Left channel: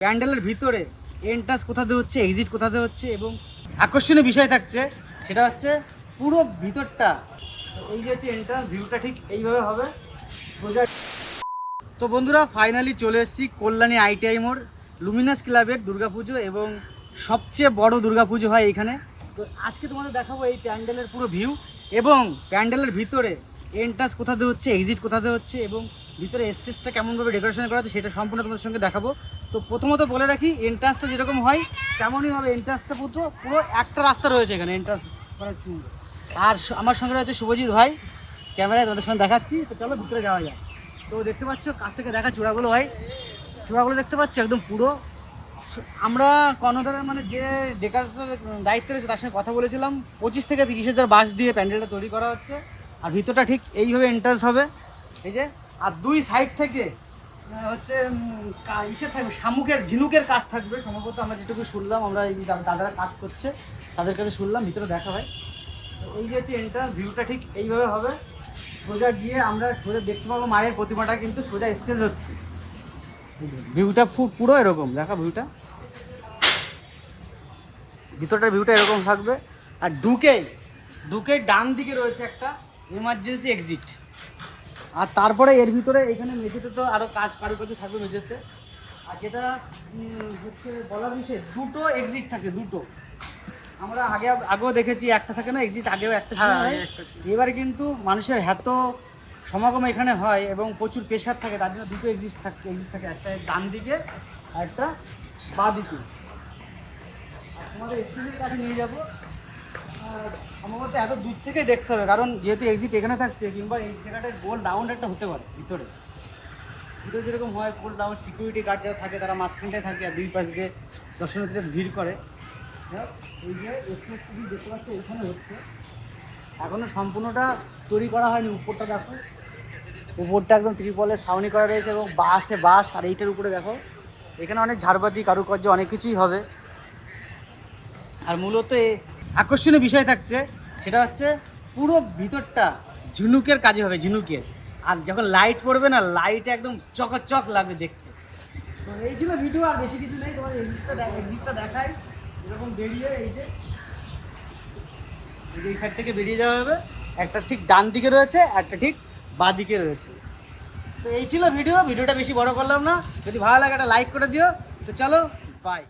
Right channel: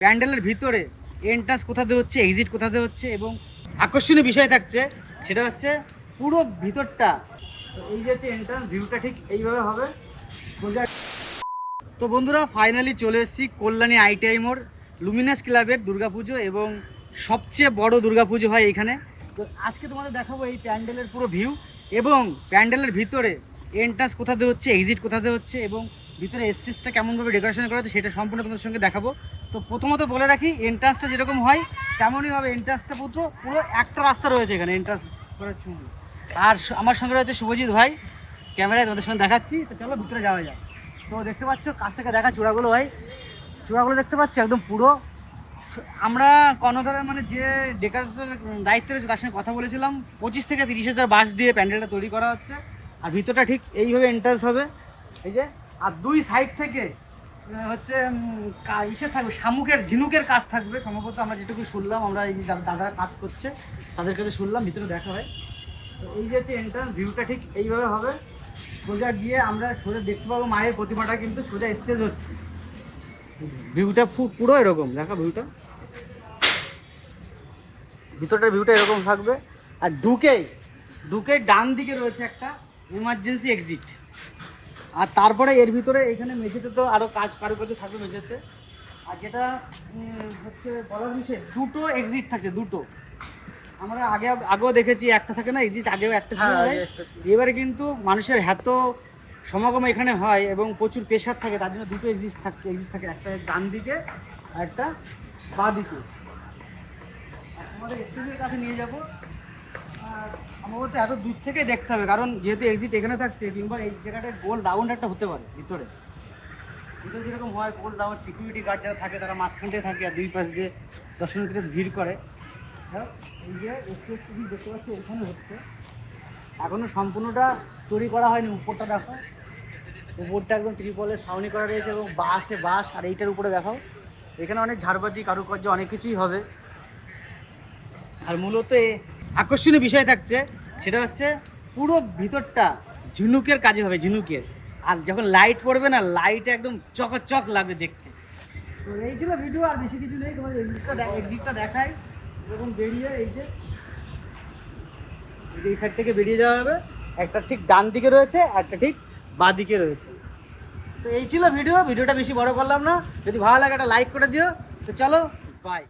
প্যান্ডেলের ভিতরে এন্ট্রান্স কোথাতে হচ্ছে এক্সিট কোথাতে হচ্ছে এবং আকর্ষণীয় বিষয় থাকছে, সেটা হচ্ছে পুরো ভিতরটা। এই যে হচ্ছে এন্ট্রান্স ভিউটা ঠিক এইভাবে হবে। তো বন্ধুরা ফাইনালি চলে এসেছি কল্যাণী আইটিআই মোড় লুমিনাস ক্লাবের দুর্গাপুজো এবং সবচেয়ে বড় দুর্গাপুজো হয় এখানে। তো আজকে তোমাদের দেখাবো এই প্যান্ডেলের পুরো ভিউ এবং প্যান্ডেলের ভিতরে এন্ট্রান্স কোথাতে হচ্ছে এক্সিট কোথাতে হচ্ছে এবং ভিতরে স্টেজটা কেমনভাবে ডেকোরেশন করা হচ্ছে সেটা সম্পূর্ণ তোমাদের সঙ্গে দেখাবো। তো প্রথমত বলে রাখি এন্ট্রান্সটা যেরকম হয়, তেমনই হবে এন্ট্রান্সটা পুরো পুরো একটা রাস্তা রয়েছে এখানে এন্ট্রান্স করার। আর আমার সঙ্গে রয়েছে শুভজিৎ ভাই, ক্যামেরায় তোমাদের সঙ্গে দেখাচ্ছি। তো চলো ভিতরে যাওয়া যাক। তো দেখতে পাচ্ছ, কাছ থেকে দেখা চূড়াগুলো ভাই। চূড়াগুলো দেখতে পাচ্ছ, একদম পুরো। আমরা কর্ণধারের মানে যে ডেকার্সের দায়িত্ব রয়েছে তার সঙ্গে কথা বলেছিলাম। পঁচিশ থেকে তিরিশ হাজার বাস দিয়ে প্যান্ডেলটা তৈরি করা হচ্ছে। আর ভিতরটা ঠিক এইভাবে এন্ট্রান্স হবে। এই যে আর দুই সাইড থেকে হচ্ছে ইসে থাকবে, শামুকের, ঝিনুকের কাজ থাকবে। সম্ভবত আমরা যেটুকু শুনলাম, আমরা এই দাদারা কাজ করছে, তাদের কাছে শুনলাম, ভিতরে দেখা হয়। এই যে হচ্ছে এন্ট্রান্স ভিউটা ঠিক এইভাবে হবে। সোজা গিয়ে আমরা সোজা দেখতে পাবো মায়ের প্রতিমাটা, কিন্তু সোজা স্টেজ হচ্ছে। ভিউটা পুরো এরকম, দেখা ভিউটা ভিতরটার ভিউটা এরকম থাকবে। আর ঢুকে ঢুকে ডান দিকে রয়েছে একটা ইমার্জেন্সি এক্সিট আর তারপরে এর ভিতরে এখানে মেঝেতে তো আরও কাজ কারুকার্য থাকে মেঝেতে। আর যেটা হচ্ছে বলার বিষয় দুটো এক্সিট থাকে দুটো। আমরা আগে আগেও দেখেছি একটা থাকে না এক্সিট আগেও একটা ছিল। হ্যাঁ, একটা এবারে কিন্তু মানুষের এত সমাগম এখানে হয় এবং প্রচুর প্রেশার থাকে তার জন্য দুটো এক্সিট থাকে এক্সিট থাকে একটা ডান দিকে আর একটা বাঁ দিকে। আর তোমাদের স্টেজের কাছে নিয়ে যাব? সম্ভবত এত দূর থেকেই দেখতে হবে, কারণ যেহেতু এক্সিট এখানে থাকছে কিংবা এই জায়গাটা গোল রাউন্ড একটা হতে পারে, ভিতরে। ভিতরে যেরকম হয়, গোল রাউন্ড সিকিউরিটি গার্ড যারা থাকে, তারা মাঝখানটায় থাকে আর দুই পাশ দিয়ে দর্শনার্থীরা ভিড় করে। এই যে এক্সপ্রেস দেখতে পাচ্ছি, এখানে হচ্ছে। এখনও সম্পূর্ণটা তৈরি করা হয়নি, উপরটা দেখো। উপরটা একদম ত্রিপলের ছাউনি করা রয়েছে এবং বাসে বাস আর এইটার উপরে দেখো। এখানে অনেক ঝাড়বাতি, কারুকার্য অনেক কিছুই হবে। আর মূলত আকর্ষণীয় বিষয় থাকছে, সেটা হচ্ছে পুরো ভিতরটা ঝিনুকের কাজে হবে, ঝিনুকের। আর যখন লাইট পড়বে না লাইট একদম চকচক লাগবে দেখতে। তো এই ছিল ভিডিও আর বেশি কিছু নেই, তোমাদের এক্সিটটা এক্সিটটা দেখাই। এরকম বেরিয়ে এই যে, এই সাইড থেকে বেরিয়ে যাওয়া হবে। একটা ঠিক ডান দিকে রয়েছে, একটা ঠিক বাঁ দিকে রয়েছে। তো এই ছিল ভিডিও ভিডিওটা বেশি বড় করলাম না। যদি ভালো লাগে একটা লাইক করে দিও। তো চলো বাই